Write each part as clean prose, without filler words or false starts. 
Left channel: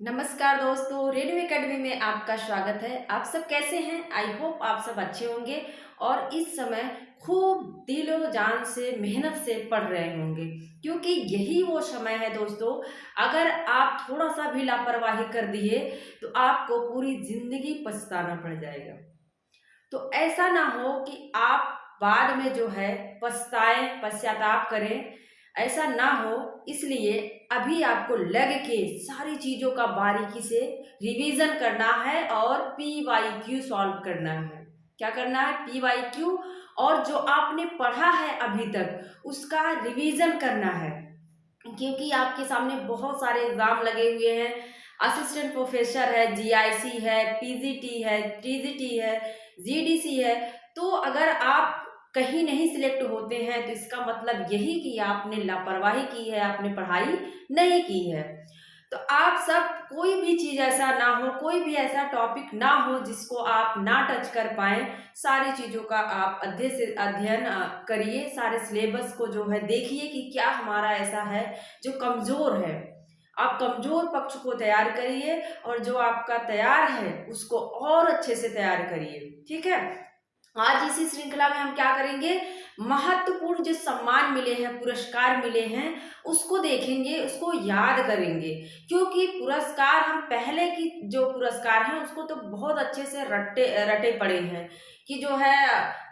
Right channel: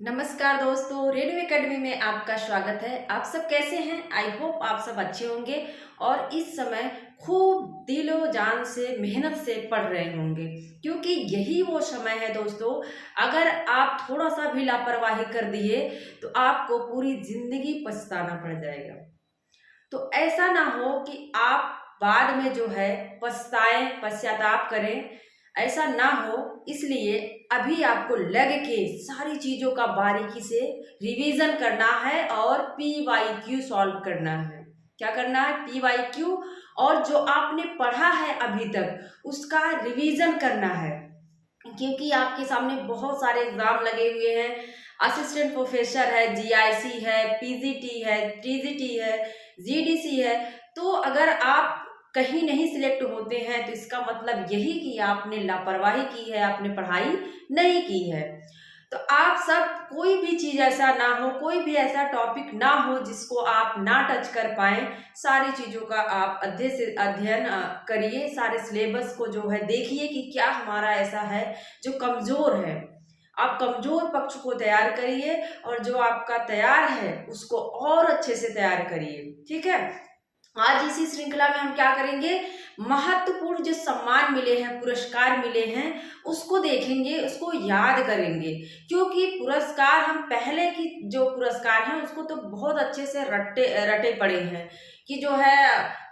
नमस्कार दोस्तों, radio academy में आपका स्वागत है। आप सब कैसे हैं? आई होप आप सब अच्छे होंगे और इस समय खूब दिलो जान से मेहनत से पढ़ रहे होंगे, क्योंकि यही वो समय है दोस्तों। अगर आप थोड़ा सा भी लापरवाही कर दिए तो आपको पूरी जिंदगी पछताना पड़ जाएगा। तो ऐसा ना हो कि आप बाद में जो है पछताएं, पश्चाताप करें, ऐसा ना हो। इसलिए अभी आपको लग के सारी चीज़ों का बारीकी से रिवीजन करना है और पीवाईक्यू सॉल्व करना है। क्या करना है? पीवाईक्यू। और जो आपने पढ़ा है अभी तक उसका रिवीजन करना है, क्योंकि आपके सामने बहुत सारे एग्जाम लगे हुए हैं। असिस्टेंट प्रोफेसर है, जीआईसी है, पीजीटी है, टीजीटी है, जीडीसी है। तो अगर आप कहीं नहीं सिलेक्ट होते हैं तो इसका मतलब यही कि आपने लापरवाही की है, आपने पढ़ाई नहीं की है। तो आप सब कोई भी चीज़ ऐसा ना हो, कोई भी ऐसा टॉपिक ना हो जिसको आप ना टच कर पाएँ। सारी चीज़ों का आप अध्ययन करिए, सारे सिलेबस को जो है देखिए कि क्या हमारा ऐसा है जो कमज़ोर है। आप कमज़ोर पक्ष को तैयार करिए और जो आपका तैयार है उसको और अच्छे से तैयार करिए, ठीक है? आज इसी श्रृंखला में हम क्या करेंगे, महत्वपूर्ण जो सम्मान मिले हैं, पुरस्कार मिले हैं, उसको देखेंगे, उसको याद करेंगे। क्योंकि पुरस्कार हम पहले की जो पुरस्कार हैं उसको तो बहुत अच्छे से रटे रटे पड़े हैं कि जो है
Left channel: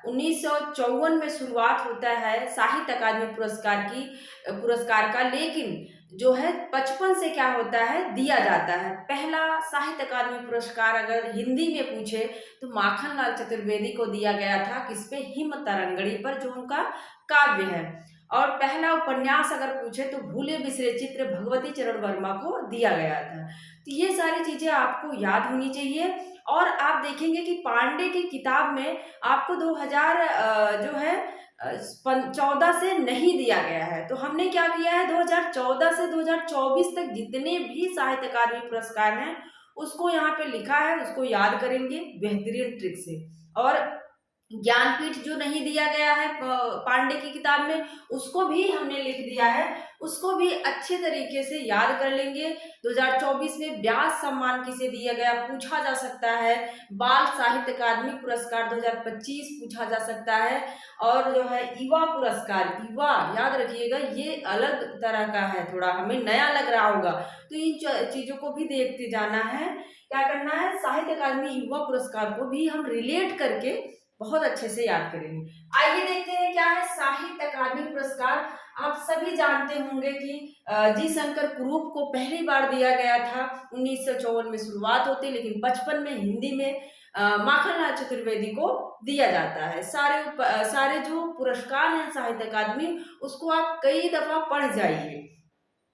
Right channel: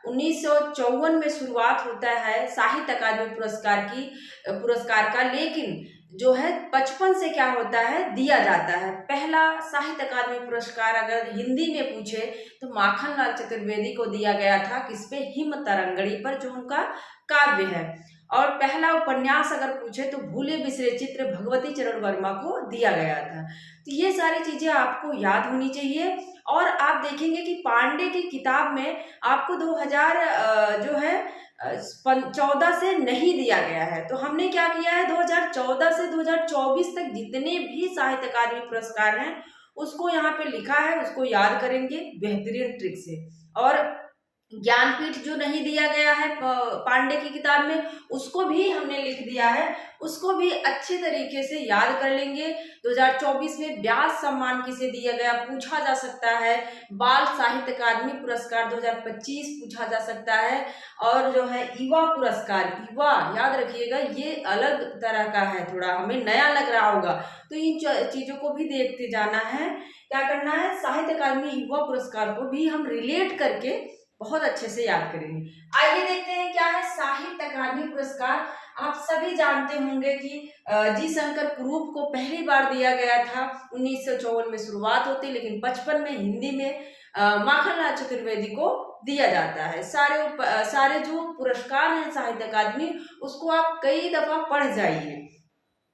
1954 में शुरुआत होता है साहित्य अकादमी पुरस्कार का। लेकिन जो है 55 से क्या होता है, दिया जाता है। पहला साहित्य अकादमी पुरस्कार अगर हिंदी में पूछे तो माखनलाल चतुर्वेदी को दिया गया था। किस पे? हिम तरंगड़ी पर, जो उनका काव्य है। और पहला उपन्यास अगर पूछे तो भूले बिसरे चित्र भगवती चरण वर्मा को दिया गया था। तो ये सारी चीजें आपको याद होनी चाहिए। और आप देखेंगे कि पांडे की किताब में आपको 2000 जो है 14 से नहीं दिया गया है। तो हमने क्या किया है, 2014 से 2024 तक जितने भी साहित्य अकादमी पुरस्कार हैं उसको यहाँ पे लिखा है, उसको याद करेंगे बेहतरीन ट्रिक से। और ज्ञानपीठ जो नहीं दिया गया है पांडे की किताब में, उसको भी हमने लिख दिया है, उसको भी अच्छे तरीके से याद कर लेंगे। 2024 में व्यास सम्मान किसे दिया गया पूछा जा सकता है। बाल साहित्य अकादमी पुरस्कार 2025 पूछा जा सकता है। और जो है युवा पुरस्कार, युवा याद रखिएगा, ये अलग तरह का है, थोड़ा हमें नया लग रहा होगा। तो इन चीजों को भी देखते जाना है। क्या करना है, साहित्य अकादमी युवा पुरस्कार को भी हम रिलेट करके बहुत अच्छे से याद करेंगे। आइए देखते हैं क्या है साहित्य अकादमी पुरस्कार। आप सभी जानते होंगे कि जी शंकर कुरूप को पहली बार दिया गया था। 1954 में शुरुआत होती, लेकिन 55 में हिंदी में माखनलाल चतुर्वेदी को दिया जाता है। सारे जो पुरस्कार हैं साहित्य अकादमी, उसको आप कई दफा पढ़ जाइए।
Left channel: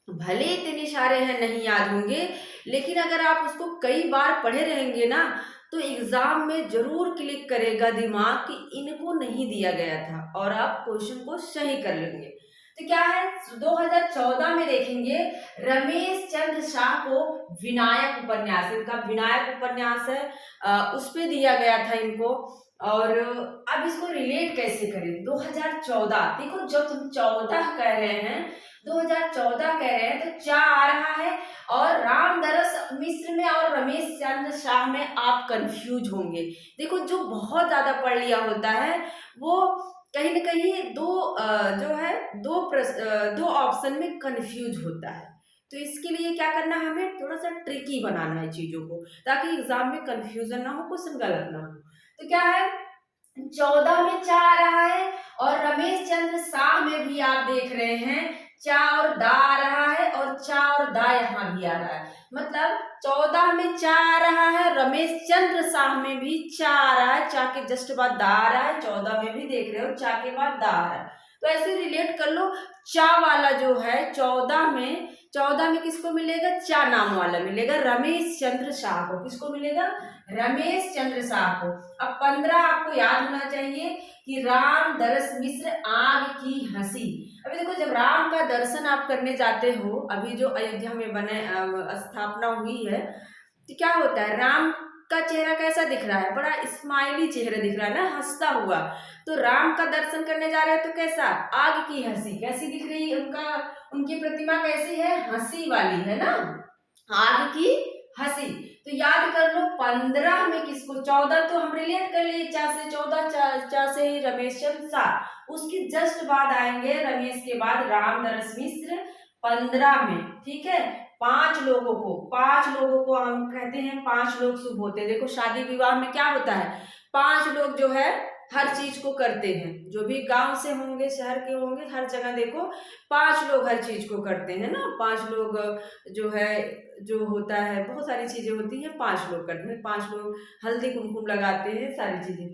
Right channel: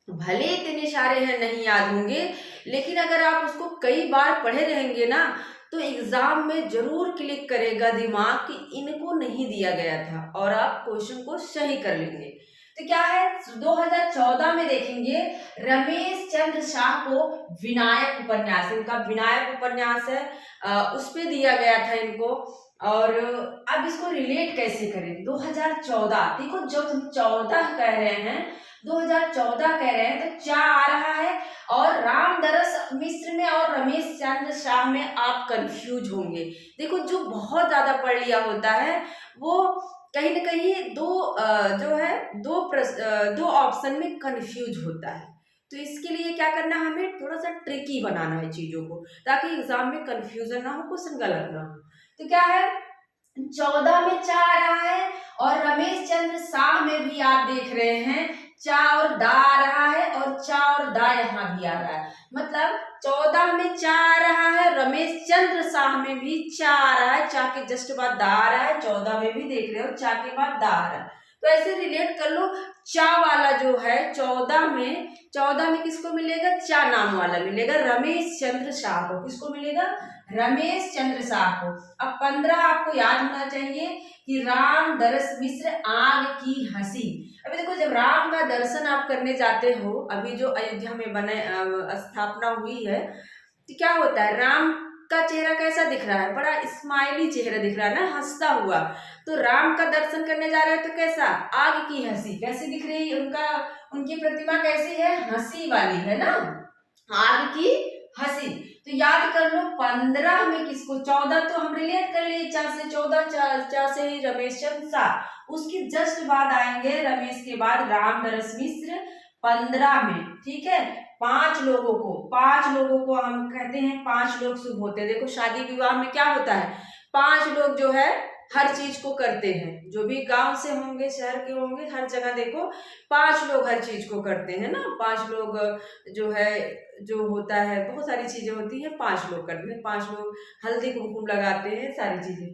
भले इतने सारे हैं नहीं याद होंगे, लेकिन अगर आप उसको कई बार पढ़े रहेंगे ना तो एग्जाम में जरूर क्लिक करेगा दिमाग कि इनको नहीं दिया गया था, और आप क्वेश्चन को सही कर लेंगे। तो क्या है, 2014 में देखेंगे रमेश चंद्र शाह को विनायक उपन्यास, इनका विनायक उपन्यास है, उस पे दिया गया था इनको। और अब इसको रिलेट कैसे करें, 2014 देखो, जब तुम 14 कह रहे हैं, 2014 कह रहे हैं तो क्या आ रहा है। और रामदरस मिश्र में और रमेश चंद्र शाह में आप कंफ्यूज होंगे। देखो, जो बहुत ज्यादा पढ़ लिया होता है वो कहीं ना कहीं जो है दो ऑप्शन में कंफ्यूज होता है। तो इसके लिए क्या करना है, हमें थोड़ा सा ट्रिकी बनाना है चीजों को, ताकि एग्जाम में कंफ्यूजन ना हो, क्वेश्चन गलत ना हो। तो क्या है, 14 में चा आ रहा है, और रमेश चंद्र शाह में भी आप देख रहे हैं चा और दा आ रहा है, और चा और दा यहाँ भी आ रहा है। मतलब 14 में चा आ रहा है, रमेश चंद्र शाह में भी चा आ रहा है, चा के जस्ट बाद दा आ रहा है, 14 में भी देख रहे हो चा के बाद दा आ रहा है। तो ऐसे रिलेट कर लो। चा वाला जो है 14 में किसको मिलेगा, चा नाम वाला मिलेगा रमेश चंद्र शाह को। किसको मिलेगा, रमेश चंद्र शाह को। अब 15 आपको याद होना चाहिए कि राम दरस मिश्र आग की हंसी। अभी देखो, जब राम का दर्शन आप करने जाते हो, अभी जो अयोध्या में बने स्थापना हुई है, तो क्या होता है, राम का चेहरा कैसा दिख रहा है, बड़ा स्माइली चेहरा दिख रहा है ना, हंसता हुआ। तो राम का दर्शन करने जा रहे हैं तो कैसा, आग की हंसी कैसी दिख रही है, उनकी प्रतिमा कैसी है, हंसी वाली है ना, आग की तो याद कर लो 15 में किसको, 14 तो हम रिलेट कर लिए, 4 से 14, 4 से ही रमेश चंद्र शाह, उसकी जस्ट बाद आएंगे रमेश के बाद रामदरस मिश्र 15 में। ठीक है, 5 लोगों को हम कहते हैं 5 लोग शुभ होते हैं। देखो शादी विवाह में क्या होता है, 5 लोग जो है हर चीज को करते हैं, जो भी गांव से होंगे शहर के होंगे, हर जगह देखो 5 लोग हर चीज को करते हैं ना। 5 लोग जो है, जो होता है बहुत सारी चीजें होती हैं, 5 लोग करते हैं, 5 लोग हल्दी कुमकुम लगाते हैं, सारी चीजें।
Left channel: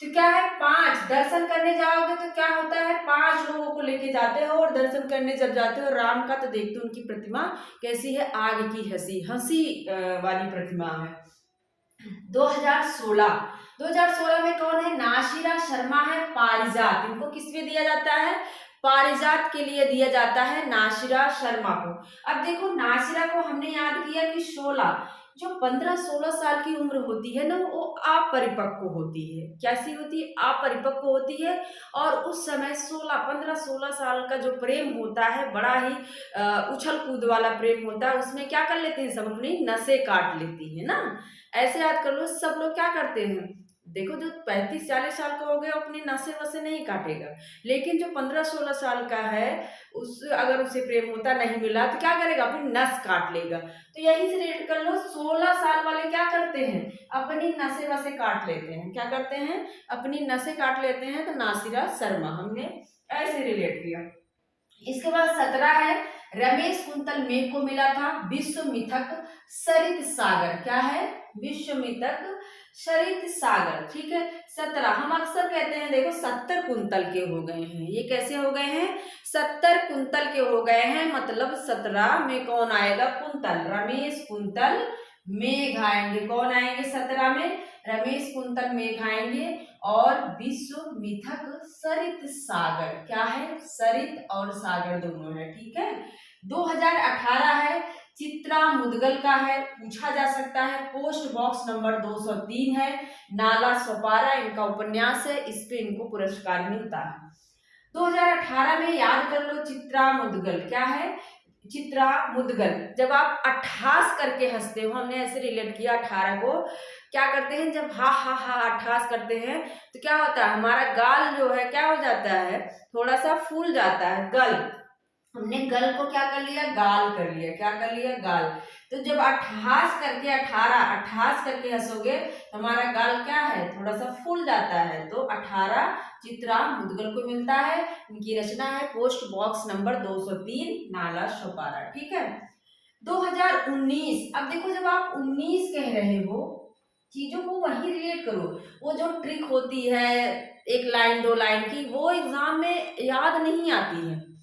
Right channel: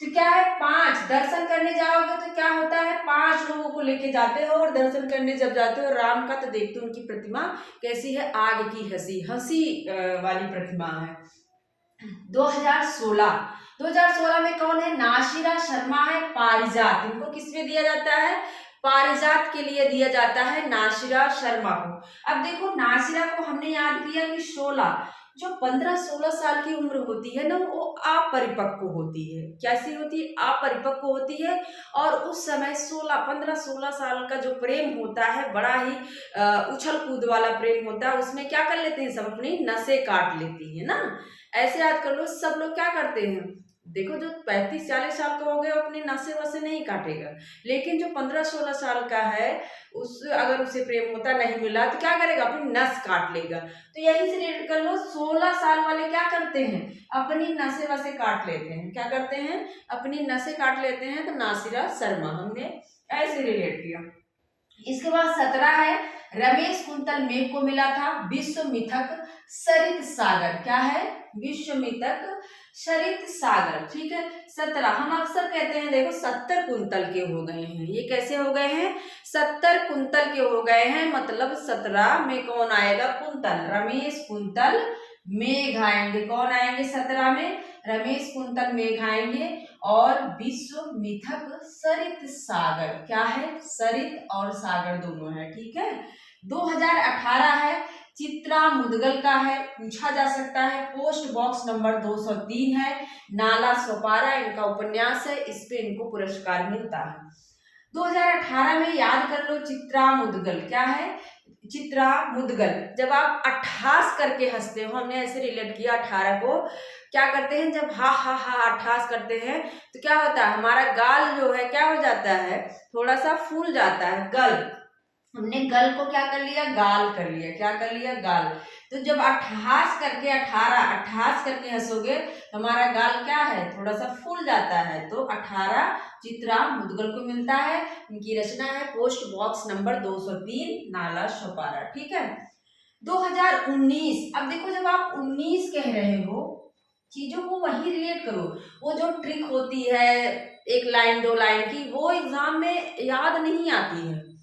तो क्या है, 5 दर्शन करने जाओगे तो क्या होता है, 5 लोगों को लेके जाते हो, और दर्शन करने जब जाते हो राम का, तो देखते हो उनकी प्रतिमा कैसी है, आग की हंसी हंसी वाली प्रतिमा है। 2016 में कौन है, नासिरा शर्मा है, पारिजात, इनको किस में दिया जाता है, पारिजात के लिए दिया जाता है नासिरा शर्मा को। अब देखो नासिरा को हमने याद किया कि 16, जो 15-16 साल की उम्र होती है ना, वो अपरिपक्व होती है। कैसी होती है, अपरिपक्व होती है। और उस समय 15-16 साल का जो प्रेम होता है, बड़ा ही उछल कूद वाला प्रेम होता है, उसमें क्या कर लेते हैं सब, अपनी नसें काट लेती है ना। ऐसे याद कर लो, सब लोग क्या करते हैं, देखो जो 35-40 साल का हो गया अपनी नसें वसें नहीं काटेगा, लेकिन जो 15-16 साल का है, उस अगर उसे प्रेम होता नहीं मिला तो क्या करेगा, अपनी नस काट लेगा। तो यही से रिलेट कर लो, 16 साल वाले क्या करते हैं, अपनी नसें वसें काट लेते हैं। क्या करते हैं, अपनी नसें काट लेते हैं। तो नासिरा शर्मा हमने ऐसे रिलेट किया। इसके बाद 17 है, रमेश कुंतल मेघ को मिला था विश्व मिथक सरित सागर। क्या है, विश्व मिथक सरित सागर। ठीक है, 17 हम अक्सर कहते हैं, देखो 70 कुंतल के हो गए हैं, ये कैसे हो गए हैं, 70 कुंतल के हो गए हैं, मतलब 17 में कौन आएगा, कुंतल, रमेश कुंतल मेघ आएंगे। कौन आएंगे 17 में, रमेश कुंतल मेघ आएंगे। और विश्व मिथक सरित सागर, क्या है, सरित और सागर दोनों है। ठीक है, 2018 है, चित्रा मुदगल का है, पूछा जा सकता है, पोस्ट बॉक्स नंबर 203 है, नाला सोपारा इनका उपन्यास है, इस पे इनको पुरस्कार मिलता है। 2018 में याद कर लो, चित्रा मुदगल, क्या है, चित्रा मुदगल। जब आप अट्ठास करके हंसते हो, हमने ऐसे रिलेट किया 18 को, क्या करते हैं, जब हा हा हा अट्ठास करते हैं तो क्या होता है, हमारा गाल जो है क्या हो जाता है, थोड़ा सा फूल जाता है, गल। हमने गल को क्या कर लिया, गाल कर लिया, क्या कर लिया, गाल। तो जब अट्ठास करके 18 अट्ठास करके हंसोगे तो हमारा गाल क्या है, थोड़ा सा फूल जाता है। तो 18 चित्रा मुदगल को मिलता है। इनकी रचना है post box number 203, Nala Sopara. ठीक है, 2019। अब देखो जब आप 19 कह रहे हो, चीजों को वही रिलेट करो। वो जो ट्रिक होती है 1 लाइन 2 लाइन की, वो एग्जाम में याद नहीं आती है,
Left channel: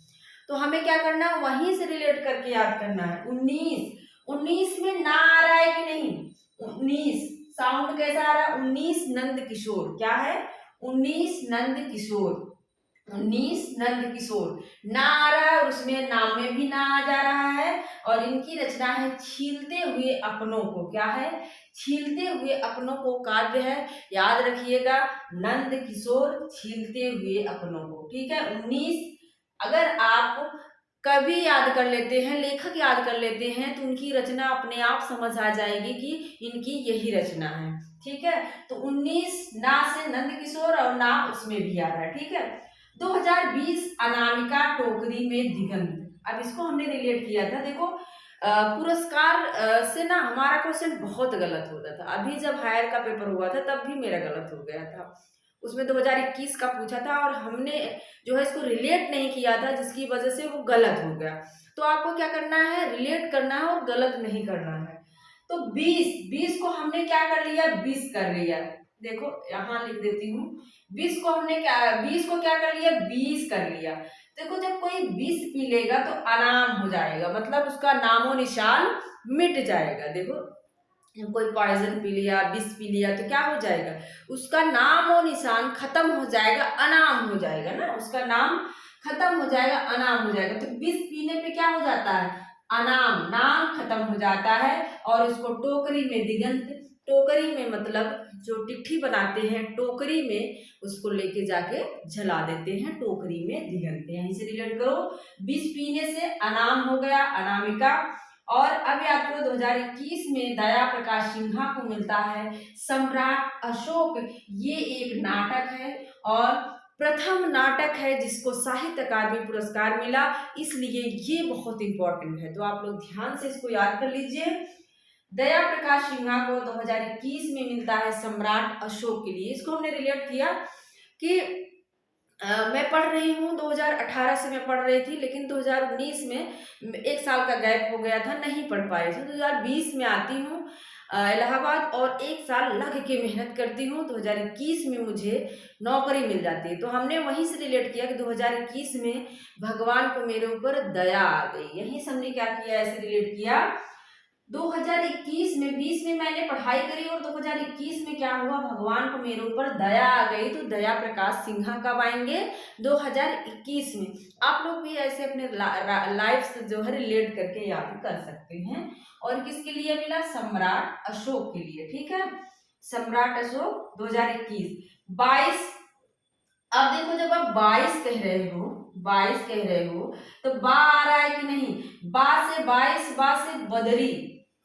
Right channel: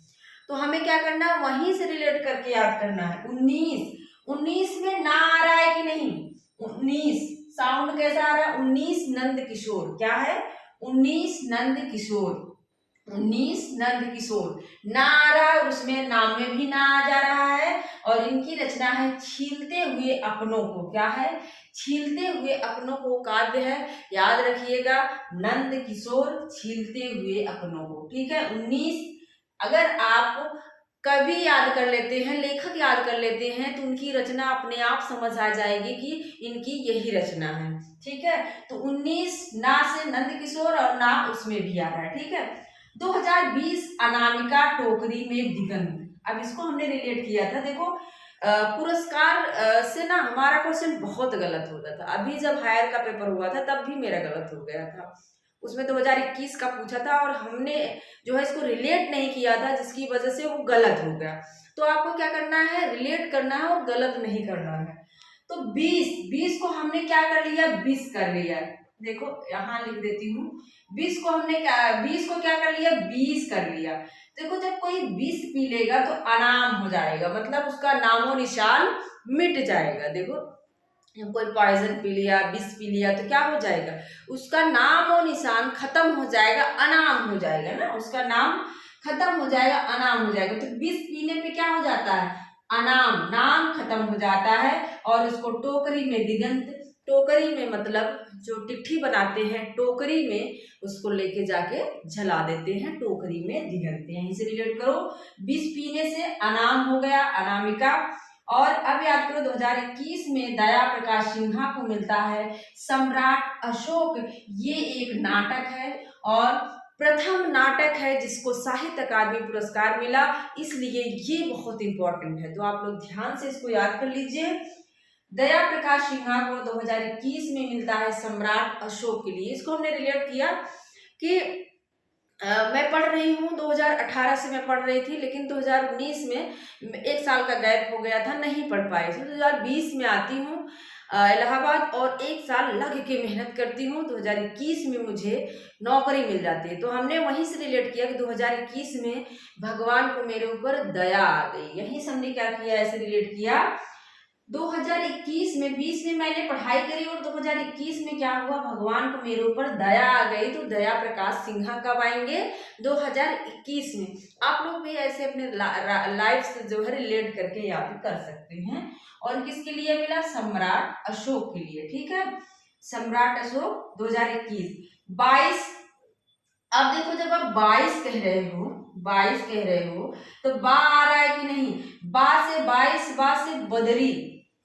तो हमें क्या करना है, वहीं से रिलेट करके याद करना है। 19 में ना आ रहा है कि नहीं, 19 साउंड कैसा आ रहा है, 19 नंद किशोर। क्या है, 19 नंद किशोर, 19 नंद किशोर ना आ रहा है, और उसमें नाम में भी ना आ जा रहा है। और इनकी रचना है छीलते हुए अपनों को। क्या है, छीलते हुए अपनों को काव्य है, याद रखिएगा, नंद किशोर छीलते हुए अपनों को। ठीक है, 19 अगर आप कभी याद कर लेते हैं, लेखक याद कर लेते हैं, तो उनकी रचना अपने आप समझ आ जाएगी कि इनकी यही रचना है। ठीक है, तो 19 ना से नंद किशोर और ना उसमें भी आ रहा है। ठीक है, 2020 अनामिका टोकरी में दिगंत। अब इसको हमने रिलेट किया था। देखो पुरस्कार से ना हमारा क्वेश्चन बहुत गलत होता था। अभी जब हायर का पेपर हुआ था तब भी मेरा गलत हो गया था, उसमें 2021 का पूछा था और हमने जो है इसको रिलेट नहीं किया था, जिसकी वजह से वो गलत हो गया। तो आपको क्या करना है, रिलेट करना है और गलत नहीं करना है। तो 20 को हमने क्या कर लिया, 20 कर लिया। देखो यहाँ लिख देती हूँ, 20 को हमने क्या, 20 को क्या कर लिया, 20 कर लिया। देखो जब कोई 20 पी लेगा तो अनाम हो जाएगा, मतलब उसका नामो निशान मिट जाएगा। देखो कोई पॉइजन पी लिया, विष पी लिया तो क्या हो जाएगा, उसका नाम और निशान खत्म हो जाएगा, अनाम हो जाएगा ना, उसका नाम खत्म हो जाएगा, अनाम हो जाएगा। तो विष पीने पे क्या हो जाता है, अनाम, नाम खत्म हो जाता है। और इसको टोकरी में दिगंत, टोकरी में मतलब जो टिट्ठी बनाते हैं टोकरी में, उसको लेके जाके जला देते हैं, टोकरी में दिगंत। यहीं से रिलेट करो, विष पीने से अनाम हो गया, अनामिका। और अब याद करो 2021 में दया प्रकाश सिन्हा को मिलता है सम्राट अशोक। ये एक नाटक है और प्रथम नाटक है जिसको साहित्य अकादमी पुरस्कार मिला, इसलिए ये बहुत इंपॉर्टेंट है। तो आप लोग ध्यान से इसको याद कर लीजिए। दया प्रकाश सिन्हा को 2021 में मिलता है सम्राट अशोक के लिए। इसको हमने रिलेट किया कि मैं पढ़ रही हूँ, 2018 से मैं पढ़ रही थी, लेकिन 2019 में एक साल का गैप हो गया था, नहीं पढ़ पाई थी। 2020 में आती हूँ इलाहाबाद और एक साल लग के मेहनत करती हूँ, 2021 में मुझे नौकरी मिल जाती है। तो हमने वहीं से रिलेट किया कि 2021 में भगवान को मेरे ऊपर दया आ गई। यहीं से हमने क्या किया, ऐसे रिलेट किया। 2021 में 20 में मैंने पढ़ाई करी और 2021 में क्या हुआ, भगवान को मेरे ऊपर दया आ गई। तो दया प्रकाश सिन्हा कब आएंगे, 2021 में। आप लोग भी ऐसे अपने लाइफ से जो है रिलेट करके याद कर सकते हैं। और किसके लिए मिला, सम्राट अशोक के लिए। ठीक है, सम्राट अशोक 2021। 22, अब देखो जब आप 22 कह रहे हो, 22 कह रहे हो तो बा आ रहा है कि नहीं, बा से 22, बा से बदरी,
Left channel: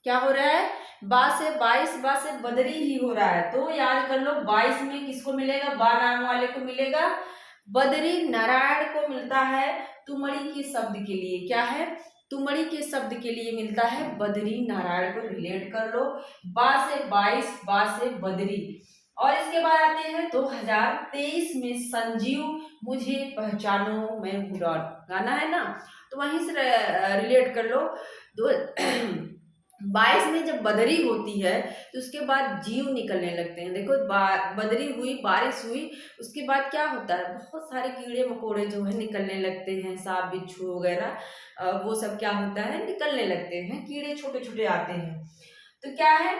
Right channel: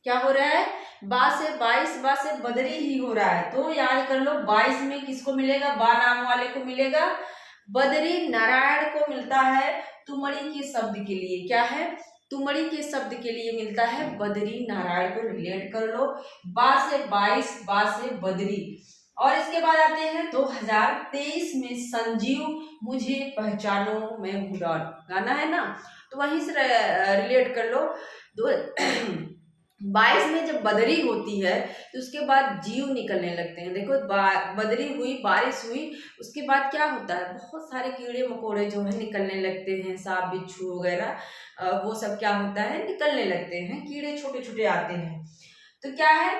क्या हो रहा है, बा से 22, बा से बदरी ही हो रहा है। तो याद कर लो 22 में किसको मिलेगा, बा नाम वाले को मिलेगा, बदरी नारायण को मिलता है तुमड़ी के शब्द के लिए। क्या है, तुमड़ी के शब्द के लिए मिलता है बदरी नारायण को रिलेट कर लो। बा से 22, बा से बदरी। और इसके बाद आते हैं 2023 में संजीव मुझे पहचानो मैं बुरा, गाना है ना, तो वहीं से रिलेट कर लो। 22 में जब बदरी होती है तो उसके बाद जीव निकलने लगते हैं। देखो बदरी हुई, बारिश हुई, उसके बाद क्या होता है, बहुत सारे कीड़े मकोड़े जो है निकलने लगते हैं, सांप बिच्छू वगैरह, वो सब क्या होता है, निकलने लगते हैं, कीड़े छोटे छोटे आते हैं। तो क्या है,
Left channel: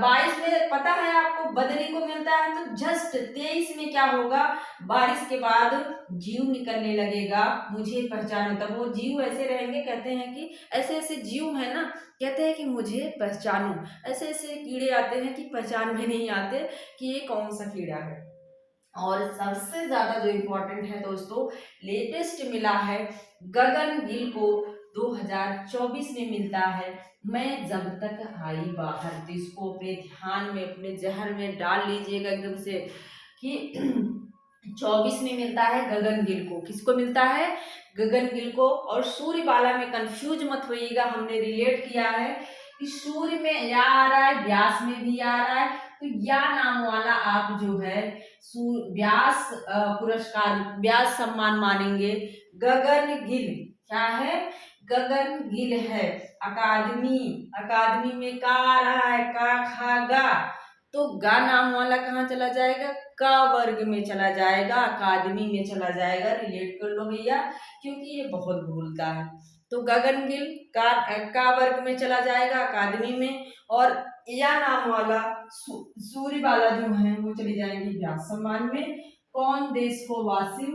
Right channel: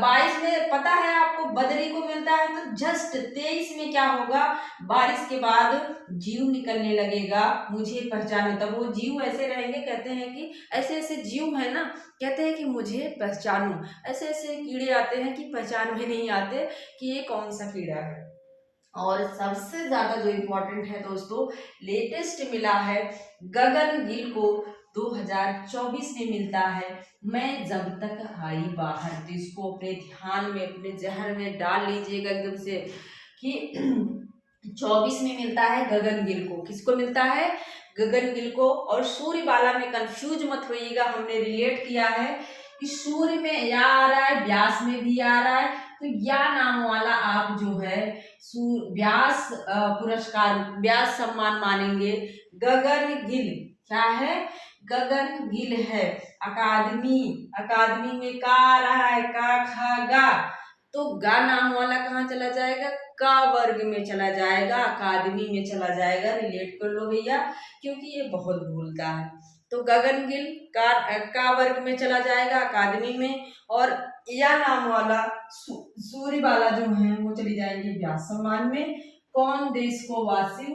22 में पता है आपको बदरी को मिलता है, तो जस्ट 23 में क्या होगा, बारिश के बाद जीव निकलने लगेगा, मुझे पहचानो। तब वो जीव ऐसे रहेंगे, कहते हैं कि ऐसे ऐसे जीव है ना, कहते हैं कि मुझे पहचानो। ऐसे ऐसे कीड़े आते हैं कि पहचान में नहीं आते कि ये कौन सा कीड़ा है। और सबसे ज्यादा जो इम्पोर्टेंट है दोस्तों, लेटेस्ट मिला है गगन गिल को 2024 में मिलता है मैं जब तक आई बाहर। तो इसको अपने ध्यान में, अपने जहन में डाल लीजिएगा एकदम से कि 24 में मिलता है गगन गिल को। किसको मिलता है, गगन गिल को। और सूर्यबाला में कंफ्यूज मत होइएगा, हमने रिलेट किया है कि सूर्य में या आ रहा है, व्यास में भी आ रहा है, तो या नाम वाला आप जो है व्यास पुरस्कार, व्यास सम्मान मानेंगे। गगन गिल क्या है, गगन गिल है। अकादमी, अकादमी में का आ रहा है, का खा गा, तो गा नाम वाला कहाँ चला जाएगा, का वर्ग में चला जाएगा, अकादमी में चला जाएगा। रिलेट कर लो भैया, क्योंकि ये बहुत भूलता है। तो गगन गिल का वर्ग में चला जाएगा, अकादमी में। और या नाम वाला सूर्य वाला जो है वो चली जाएंगे व्यास सम्मान में। कौन देश को वासी,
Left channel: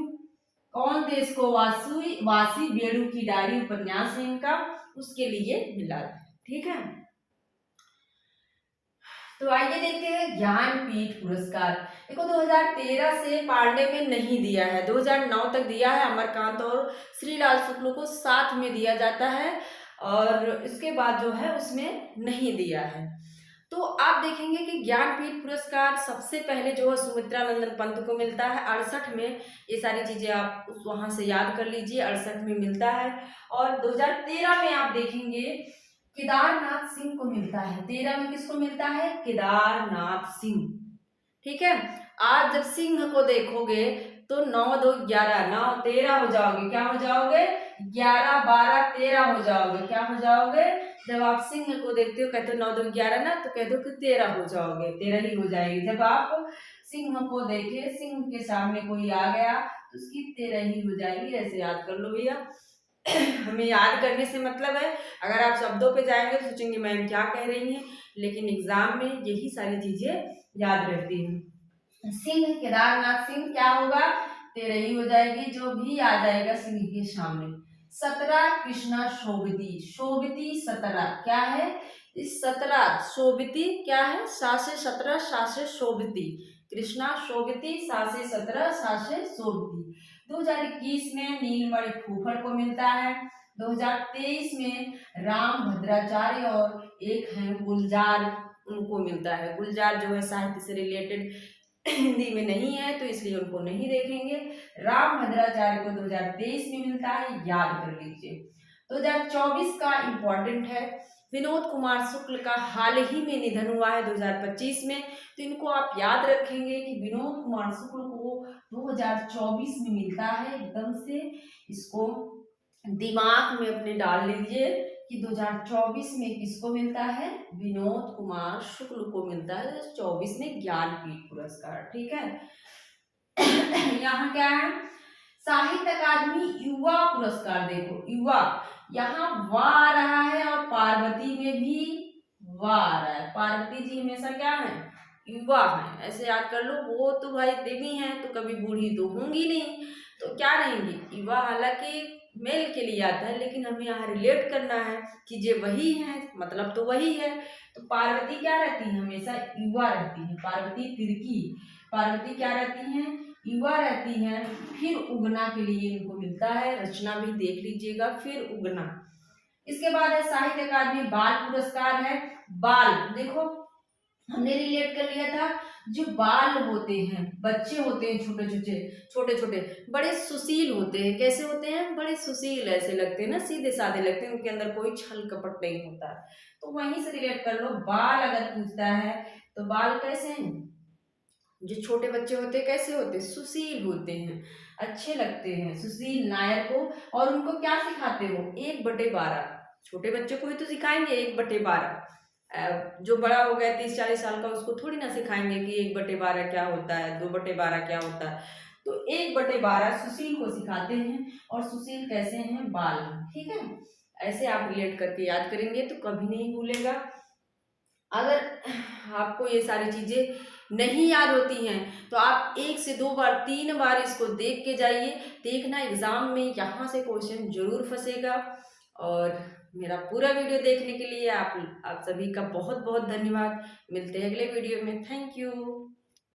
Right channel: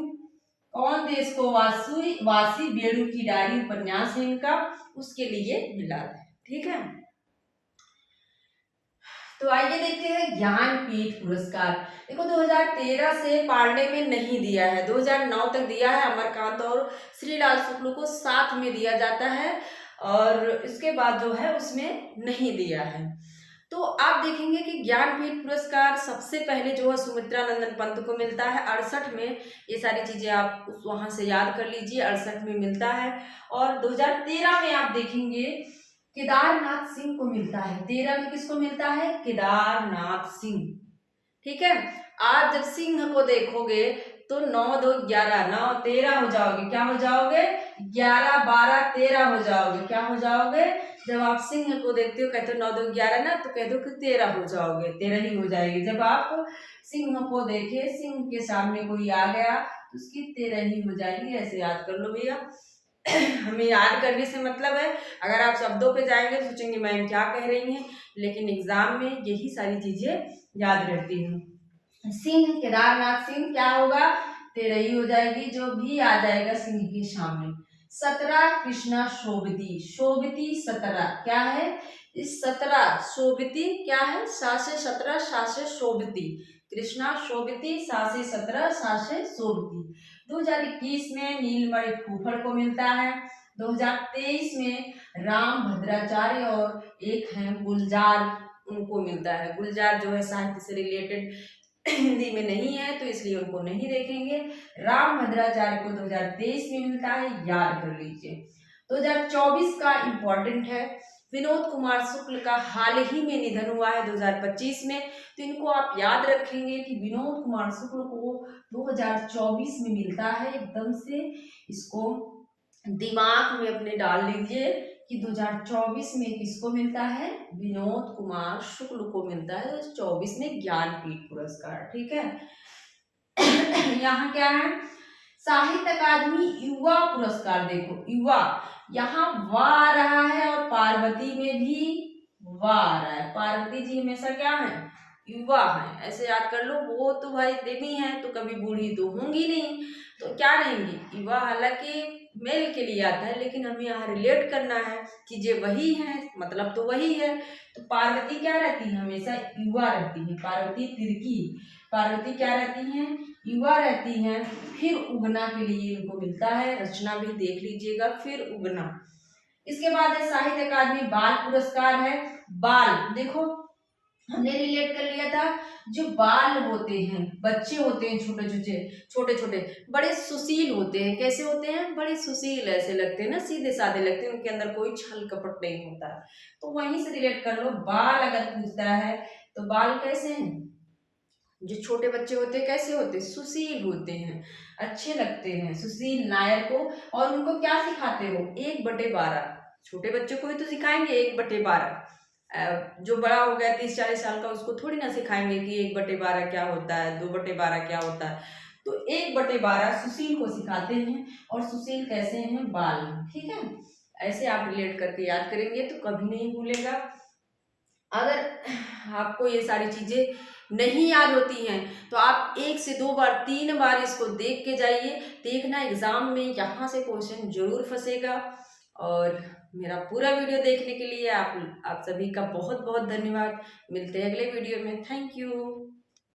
कौन देश को वासी, वासी बेड़ू की डायरी उपन्यास है इनका, उसके लिए मिला है। ठीक है, तो आइए देखते हैं ज्ञानपीठ पुरस्कार। देखो 2013 से पांडे में नहीं दिया है, 2009 तक दिया है, अमरकांत और श्रीलाल शुक्ल को साथ में दिया जाता है, और इसके बाद जो है उसमें नहीं दिया है। तो आप देखेंगे कि ज्ञानपीठ पुरस्कार सबसे पहले जो है सुमित्रा नंदन पंत को मिलता है 68 में। ये सारी चीजें आप वहां से याद कर लीजिए, 68 में मिलता है। और 2013 में आप देखेंगे केदारनाथ सिंह को मिलता है। 13 में किसको मिलता है, केदारनाथ सिंह। ठीक है, आज जब सिंह को देखोगे तो 9 2 11, 9 13 हो जाओगे। क्या हो जाओगे, 11 12 13 हो जाओगे। क्या हो जाओगे, जब आप सिंह को देखते हो, कहते हो 9 2 11 ना, तो कह दो कि 13 हो जाओगे, 13 ही हो जाएगी। जब आप सिंह को देखे, सिंह के सामने कोई आ गया तो उसकी 13 ही हो जाएगी। ऐसे याद कर लो भैया। हमें याद करने से मतलब है, अगर आप शब्दों पे जाएंगे तो सोचेंगे मैम क्या कह रही हैं, लेकिन एग्जाम में यही सारी चीजें याद रहती हैं। सिंह, केदारनाथ सिंह क्या होगा, 13 ही हो जाएगी, जो भी आ जाएगा सिंह के सामने। 17 कृष्णा शोभती, शोभती 17 क्या है, इस 17 शोभती क्या है, 7 से 17, 7 से शोभती, कृष्णा शोभती, 7 से 17, 7 से शोभती। 2021 में नीलमणि फूफड़ को मिलता है। 2023 में राम भद्राचार्य और एक हैं गुलजार, उनको मिलता है। गुलजार जो है साहित्य से रिलेटेड हिंदी में नहीं है तो इसलिए उनको नहीं देखेंगे। राम भद्राचार्य को 2023 में मिलता है, याद कर लीजिए। 2024 का इम्पोर्टेंट है। विनोद कुमार शुक्ल का हाल ही में निधन हुआ है 2025 में, तो इनको आप याद रखेंगे कि विनोद कुमार शुक्ल को 2024 में मिलता है। एकदम से इसको दिमाग में अपने डाल लीजिए कि 2024 में किसको मिलता है, विनोद कुमार शुक्ल को मिलता है 2024 में ज्ञानपीठ पुरस्कार। ठीक है। यहाँ क्या है, साहित्य अकादमी युवा पुरस्कार। देखो युवा, यहाँ वा आ रहा है और पार्वती में भी वा आ रहा है। पार्वती जी हमेशा क्या है, युवा है, ऐसे याद कर लो। वो तो भाई देवी हैं तो कभी बूढ़ी तो होंगी नहीं, तो क्या रहेंगी युवा। हालांकि मेल के लिए आता है लेकिन हमें यहाँ रिलेट करना है कि ये वही है, मतलब तो वही है। तो पार्वती क्या रहती है, हमेशा युवा रहती है। पार्वती तिर्की, पार्वती क्या रहती हैं, युवा रहती हैं। फिर उगना के लिए इनको मिलता है, रचना भी देख लीजिएगा, फिर उगना। इसके बाद है साहित्य अकादमी बाल पुरस्कार है। बाल देखो हमने रिलेट कर लिया था, जो बाल होते हैं, बच्चे होते हैं छोटे छोटे छोटे छोटे, बड़े सुशील होते हैं। कैसे होते हैं, बड़े सुशील ऐसे लगते हैं ना, सीधे साधे लगते हैं, उनके अंदर कोई छल कपट नहीं होता। तो वहीं से रिलेट कर लो। बाल अगर पूछता है तो बाल कैसे हैं, जो छोटे बच्चे होते हैं कैसे होते हैं, सुशील होते हैं, अच्छे लगते हैं, सुशील नायर को। और उनको क्या सिखाते हो, 1/12। छोटे बच्चों को ही तो सिखाएंगे 1/12। जो बड़ा हो गया 30-40 साल का उसको थोड़ी ना सिखाएंगे कि 1/12 क्या होता है, 2/12 क्या होता है। तो 1/12 सुशील को सिखाते हैं। और सुशील कैसे हैं, बाल हैं। ठीक है, ऐसे आप रिलेट करके याद करेंगे तो कभी नहीं भूलेगा। अगर आपको ये सारी चीजें नहीं याद होती हैं तो आप 1 से 2 बार 3 बार इसको देख के जाइए, देखना एग्जाम में यहाँ से क्वेश्चन जरूर फंसेगा। और मेरा पूरा वीडियो देखने के लिए आप सभी का बहुत बहुत धन्यवाद। मिलते हैं अगले वीडियो में। Thank you.